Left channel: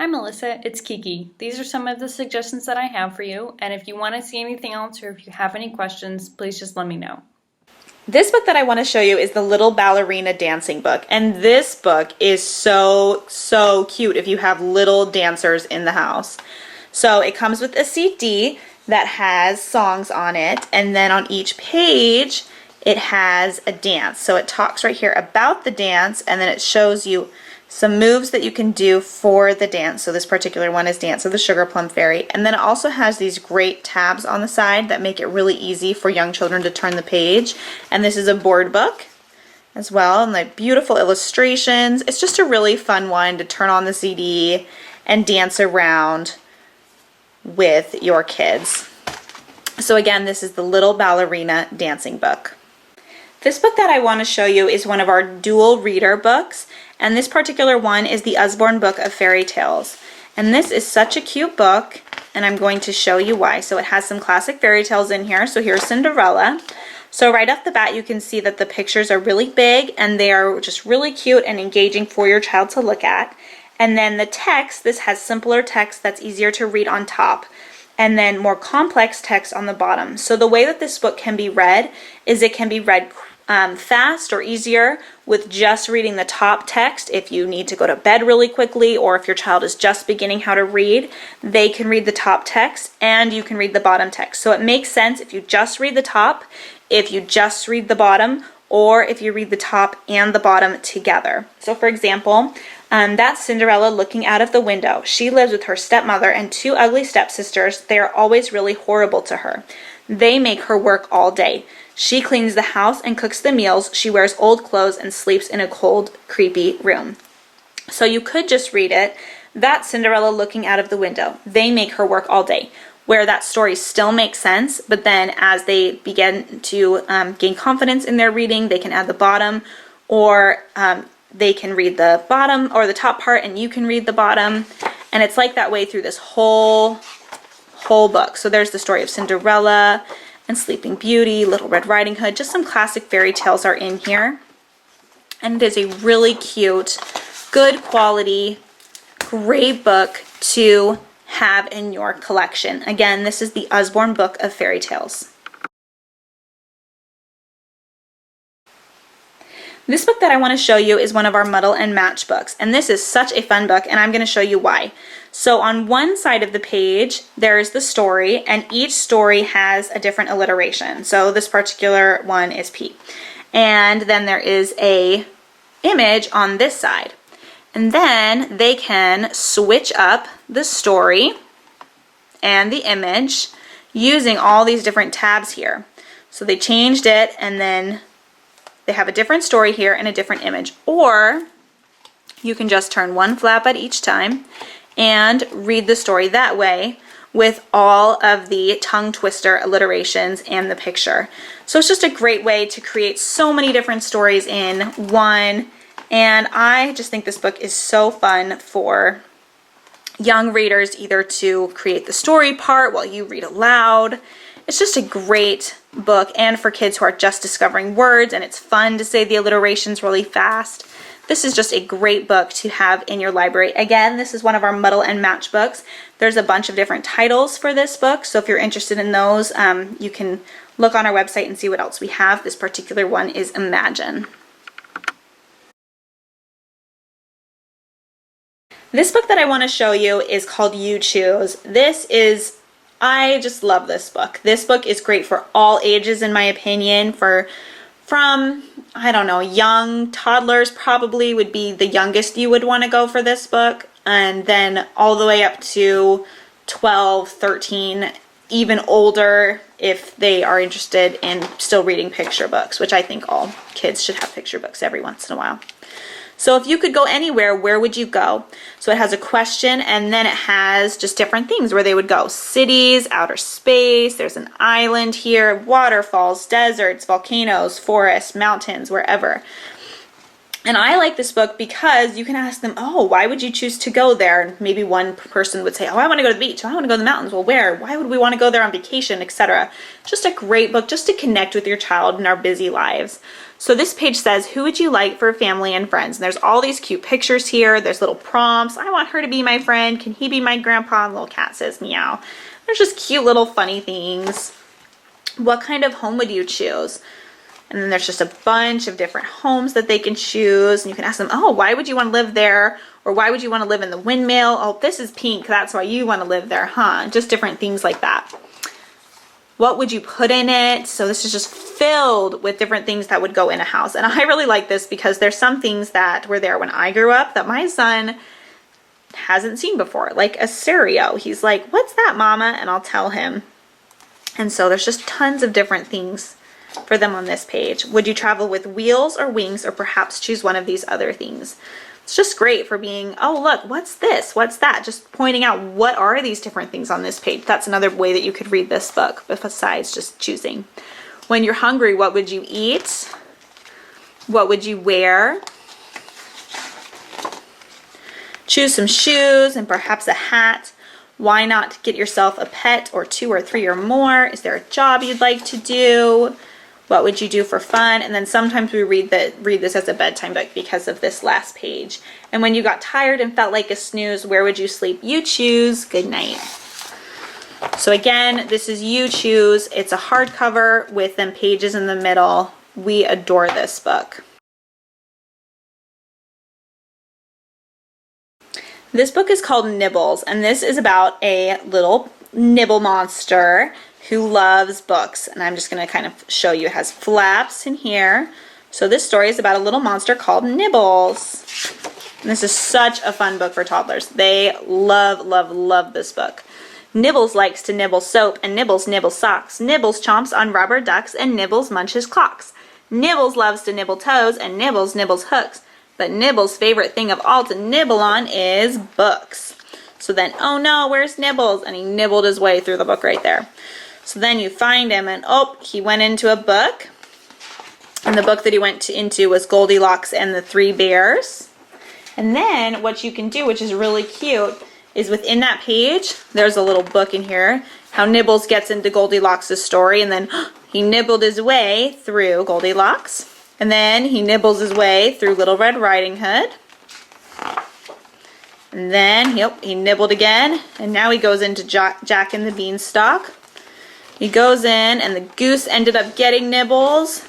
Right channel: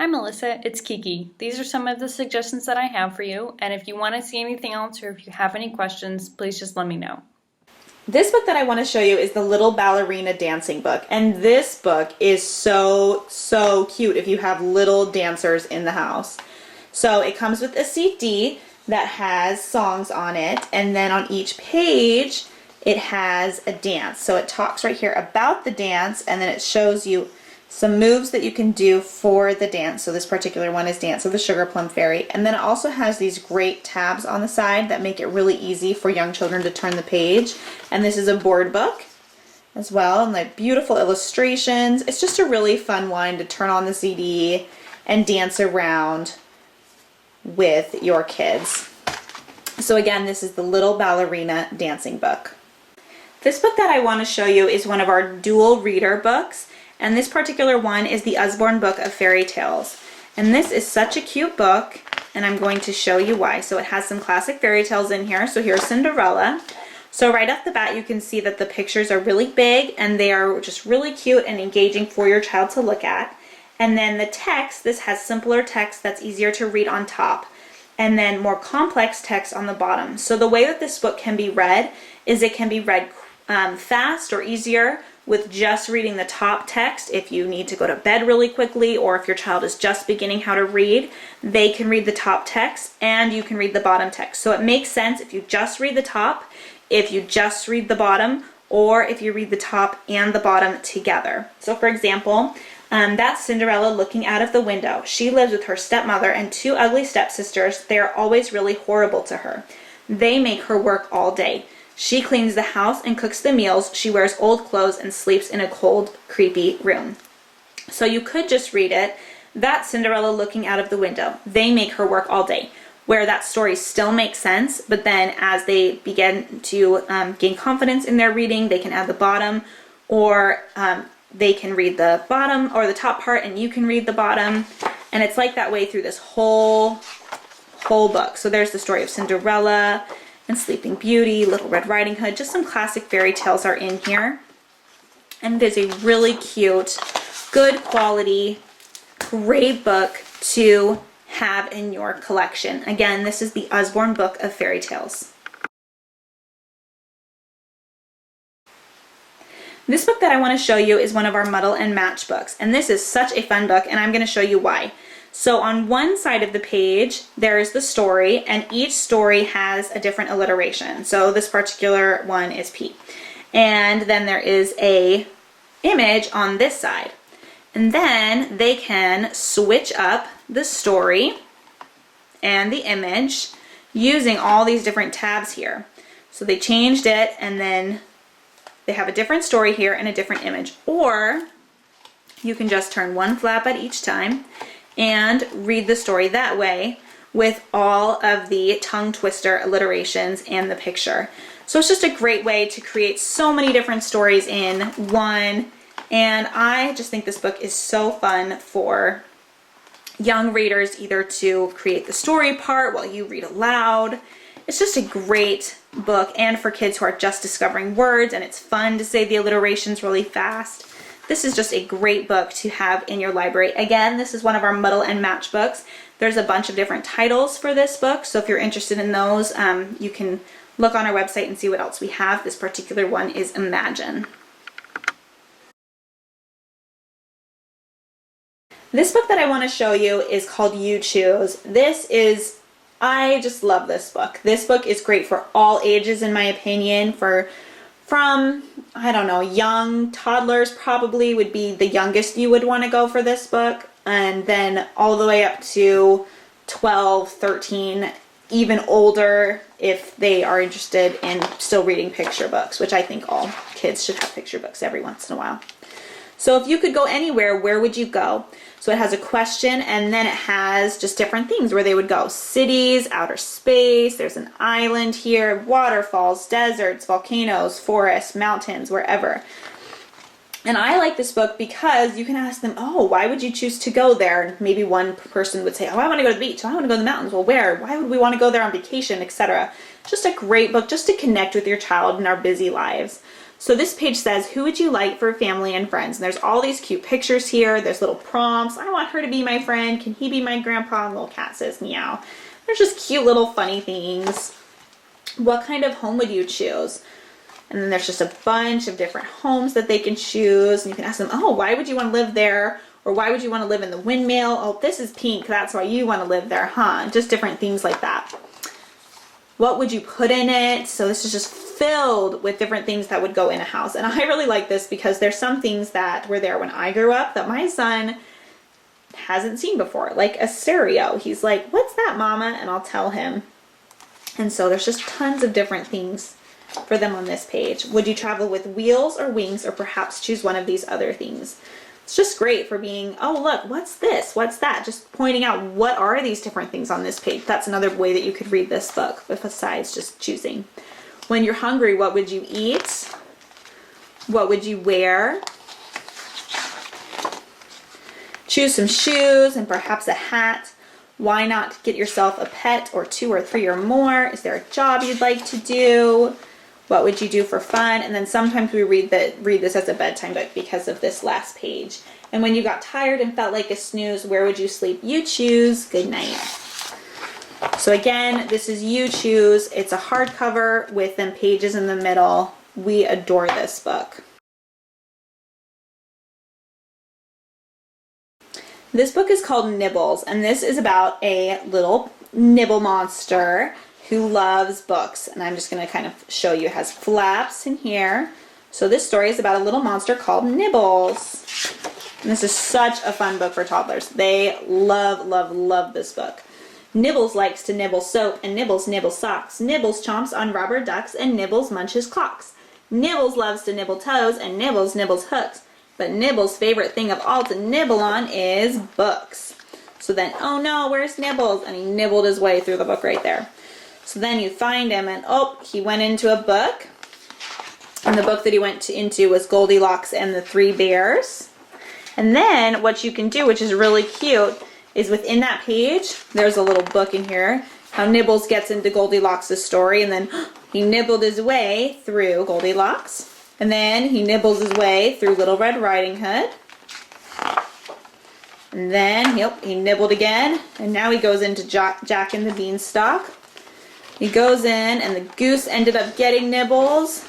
Hi Melissa, it's Kiki. These are some of the suggestions that I have for you, and if you want to see anything else or if you have any questions, please just let me know. This book that I want to show you is the Little Ballerina Dancing book, and this book is so cute if you have little dancers in the house. So it comes with a CD that has songs on it, and then on each page it has a dance. So it talks right here about the dance, and then it shows you some moves that you can do for the dance. So this particular one is Dance of the Sugar Plum Fairy. And then it also has these great tabs on the side that make it really easy for young children to turn the page. And this is a board book as well, and like beautiful illustrations. It's just a really fun one to turn on the CD and dance around with your kids. So again, this is the Little Ballerina Dancing book. This book that I want to show you is one of our dual reader books. And this particular one is the Usborne Book of Fairy Tales. And this is such a cute book, and I'm going to show you why. So it has some classic fairy tales in here. So here's Cinderella. So right off the bat, you can see that the pictures are really big, and they are just really cute and engaging for your child to look at. And then the text, this has simpler text that's easier to read on top, and then more complex text on the bottom. So the way that this book can be read is it can be read fast or easier with just reading the top text. If you need to go to bed really quickly, or if your child is just beginning how to read, they can read the top text and you can read the bottom text. So it makes sense if you just read the top, if you just read the bottom, or if you read the top and the bottom together. So for example, that's Cinderella looking out of the window. She lives with her stepmother and two ugly stepsisters. They are always really horrible to her. They make her work all day. She cleans the house and cooks the meals. She wears old clothes and sleeps in a cold, creepy room. So you could just read it. That's Cinderella looking out of the window. They make her work all day. Where that story still makes sense, but then as they begin to gain confidence in their reading, they can add the bottom, or they can read the bottom or the top part and you can read the bottom. And it's like that way through this whole book. So there's the story of Cinderella and Sleeping Beauty, Little Red Riding Hood. Just some classic fairy tales are in here. And it is a really cute, good quality, great book to have in your collection. Again, this is the Usborne Book of Fairy Tales. This book that I want to show you is one of our Muddle and Match books. And this is such a fun book, and I'm going to show you why. So on one side of the page, there is the story, and each story has a different alliteration. So this particular one is P. And then there is a image on this side. And then they can switch up the story and the image using all these different tabs here. So they changed it, and then they have a different story here and a different image. Or you can just turn one flap at each time and read the story that way with all of the tongue twister alliterations and the picture. So it's just a great way to create so many different stories in one, and I just think this book is so fun for young readers, either to create the story part while you read aloud. It's just a great book, and for kids who are just discovering words, and it's fun to say the alliterations really fast. This is just a great book to have in your library. Again, this is one of our Muddle and Match books. There's a bunch of different titles for this book, so if you're interested in those, you can look on our website and see what else we have. This particular one is Imagine. This book that I want to show you is called You Choose. I just love this book. This book is great for all ages, in my opinion, from, I don't know, young toddlers probably would be the youngest you would want to go for this book, and then all the way up to 12, 13, even older if they are interested in still reading picture books, which I think all kids should have picture books every once in a while. So if you could go anywhere, where would you go? So it has a question, and then it has just different things where they would go. Cities, outer space, there's an island here, waterfalls, deserts, volcanoes, forests, mountains, wherever. And I like this book because you can ask them, oh, why would you choose to go there? And maybe one person would say, oh, I want to go to the beach. Oh, I want to go to the mountains. Well, where? Why would we want to go there on vacation, etc.? Just a great book just to connect with your child in our busy lives. So this page says, who would you like for family and friends? And there's all these cute pictures here. There's little prompts. I want her to be my friend. Can he be my grandpa? And little cat says meow. There's just cute little funny things. What kind of home would you choose? And then there's just a bunch of different homes that they can choose. And you can ask them, oh, why would you want to live there? Or why would you want to live in the windmill? Oh, this is pink. That's why you want to live there, huh? Just different things like that. What would you put in it? So this is just filled with different things that would go in a house. And I really like this because there's some things that were there when I grew up that my son hasn't seen before, like a stereo. He's like, what's that, Mama? And I'll tell him. And so there's just tons of different things for them on this page. Would you travel with wheels or wings, or perhaps choose one of these other things? It's just great for being, oh, look, what's this? What's that? Just pointing out what are these different things on this page. That's another way that you could read this book, besides just choosing. When you're hungry, what would you eat? What would you wear? Choose some shoes and perhaps a hat. Why not get yourself a pet or 2 or 3 or more? Is there a job you'd like to do? What would you do for fun? And then sometimes we read this as a bedtime book because of this last page. And when you got tired and felt like a snooze, where would you sleep? You choose. Good night. So again, this is You Choose. It's a hardcover with them pages in the middle. We adore this book. This book is called Nibbles, and this is about a little nibble monster who loves books. And I'm just going to kind of show you. It has flaps in here. So this story is about a little monster called Nibbles. And this is such a fun book for toddlers. They love, love, love this book. Nibbles likes to nibble soap, and Nibbles nibbles socks. Nibbles chomps on rubber ducks, and Nibbles munches clocks. Nibbles loves to nibble toes, and Nibbles nibbles hooks. But Nibbles' favorite thing of all to nibble on is books. So then, oh no, where's Nibbles? And he nibbled his way through the book right there. So then you find him, and oh, he went into a book. And the book that he went into was Goldilocks and the 3 Bears. And then what you can do, which is really cute, is within that page, there's a little book in here, how Nibbles gets into Goldilocks' story, and then he nibbled his way through Goldilocks. And then he nibbles his way through Little Red Riding Hood. And then he nibbled again, and now he goes into Jack and the Beanstalk. He goes in, and the goose ended up getting Nibbles,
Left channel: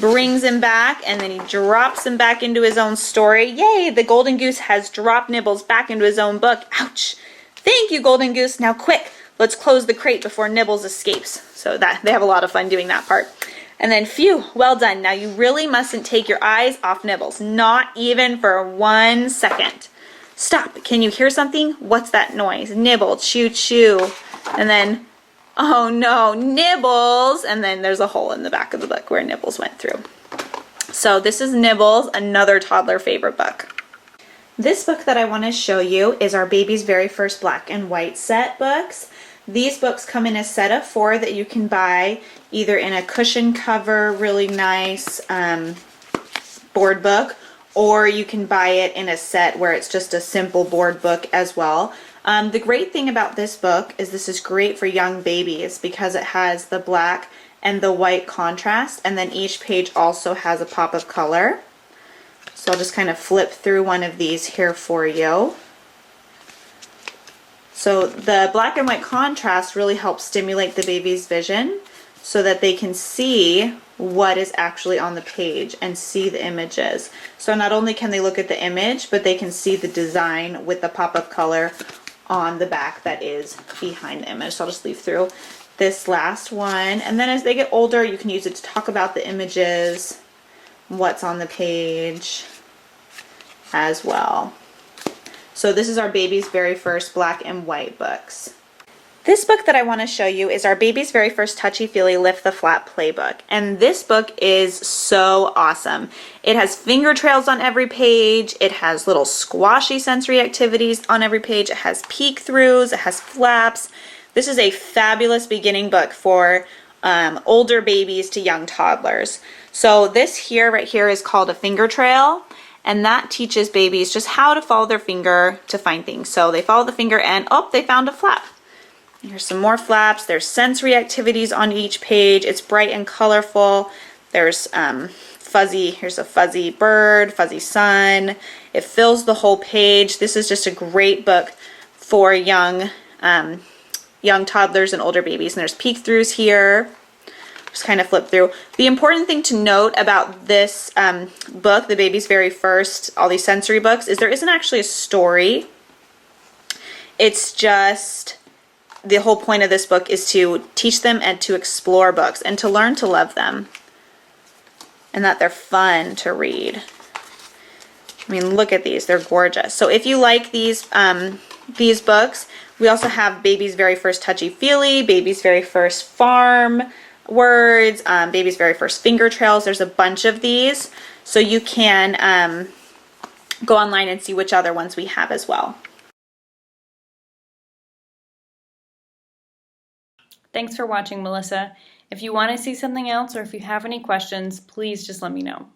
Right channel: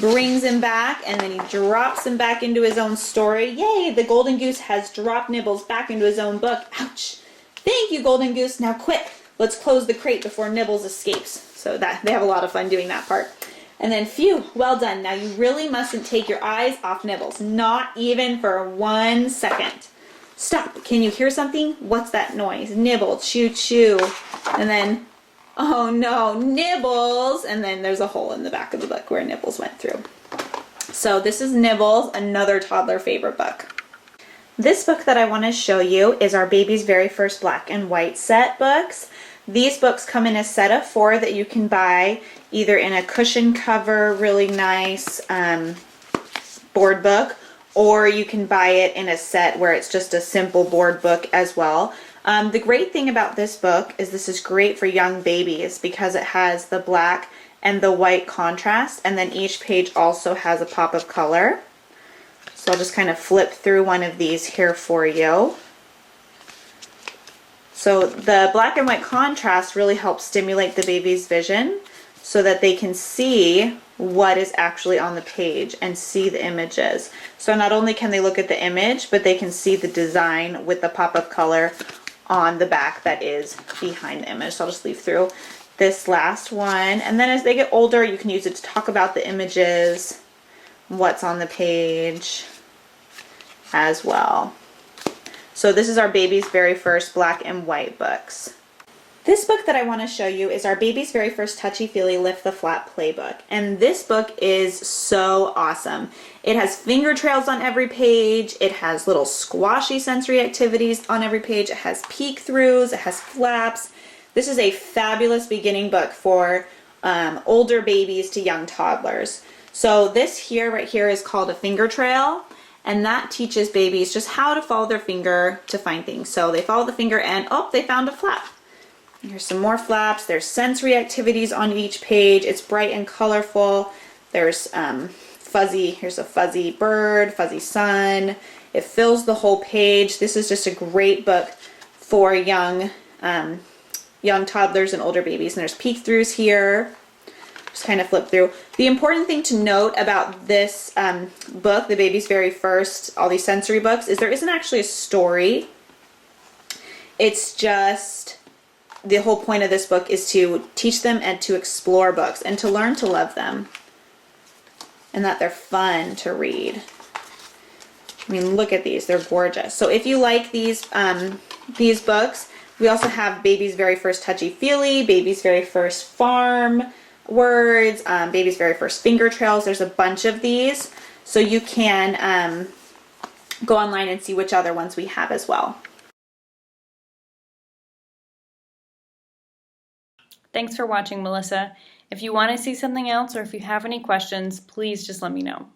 brings him back, and then he drops him back into his own story. Yay, the golden goose has dropped Nibbles back into his own book. Ouch. Thank you, golden goose. Now quick, let's close the crate before Nibbles escapes. So that they have a lot of fun doing that part. And then, phew, well done. Now you really mustn't take your eyes off Nibbles, not even for 1 second. Stop, can you hear something? What's that noise? Nibble, chew, chew. And then, oh no, Nibbles. And then there's a hole in the back of the book where Nibbles went through. So this is Nibbles, another toddler favorite book. This book that I want to show you is our baby's very first black and white set books. These books come in a set of 4 that you can buy either in a cushion cover, really nice board book, or you can buy it in a set where it's just a simple board book as well. The great thing about this book is this is great for young babies because it has the black and the white contrast, and then each page also has a pop of color. So I'll just kind of flip through one of these here for you. So the black and white contrast really helps stimulate the baby's vision so that they can see what is actually on the page and see the images. So not only can they look at the image, but they can see the design with the pop of color on the back that is behind the image. So I'll just leave through this last one. And then as they get older, you can use it to talk about the images, what's on the page as well. So this is our baby's very first black and white books. This book that I want to show you is our baby's very first touchy-feely Lift the Flap playbook. And this book is so awesome. It has finger trails on every page. It has little squashy sensory activities on every page. It has peek-throughs. It has flaps. This is a fabulous beginning book for older babies to young toddlers. So this here, right here, is called a finger trail. And that teaches babies just how to follow their finger to find things. So they follow the finger and, oh, they found a flap. There's some more flaps. There's sensory activities on each page. It's bright and colorful. There's here's a fuzzy bird, fuzzy sun. It fills the whole page. This is just a great book for young toddlers and older babies. And there's peek throughs here. Just kind of flip through. The important thing to note about this book, The Baby's Very First, all these sensory books, is there isn't actually a story. It's just, the whole point of this book is to teach them and to explore books and to learn to love them. And that they're fun to read. I mean, look at these. They're gorgeous. So if you like these books, we also have Baby's Very First Touchy Feely, Baby's Very First Farm Words, Baby's Very First Finger Trails. There's a bunch of these. So you can go online and see which other ones we have as well. Thanks for watching, Melissa. If you want to see something else or if you have any questions, please just let me know.